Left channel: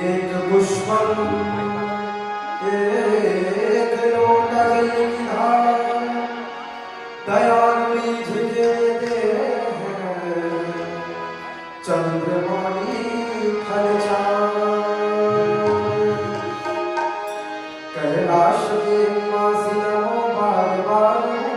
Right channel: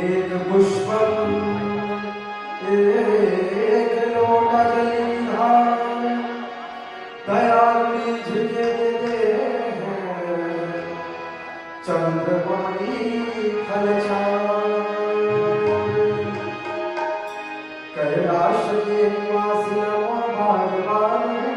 एक पुष्पम एक लोटा जल की धार दयालु झुके दे चंद्रमणि फल कैलाश के निवासी नमो बार बार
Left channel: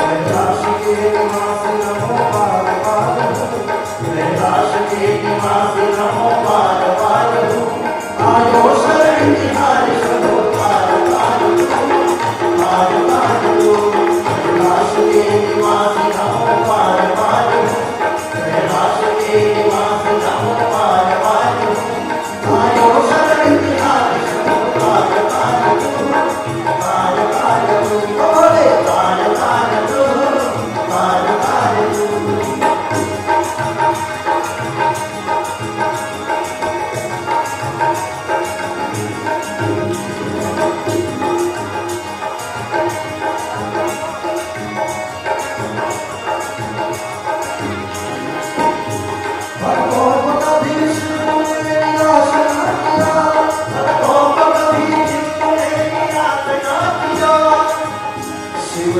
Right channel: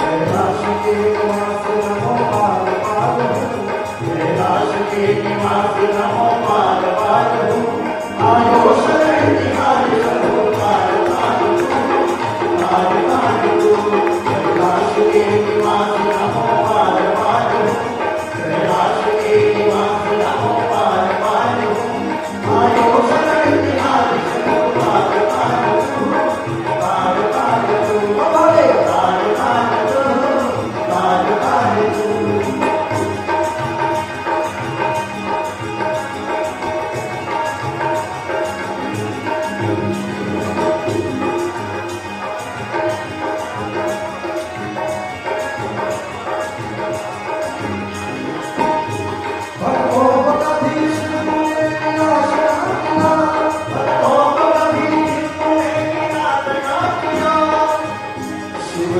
कैलाश के निवासी नमो बार बार कैलाश के निवासी नमो बार बार आयो शरण निहारी सबो तार तार तार तार कैलाश के निवासी नमो बार बार कैलाश के निवासी नमो बार बार आयो शरण निहारी सबो तार तार तार तार बोले तार तार तार तार शिव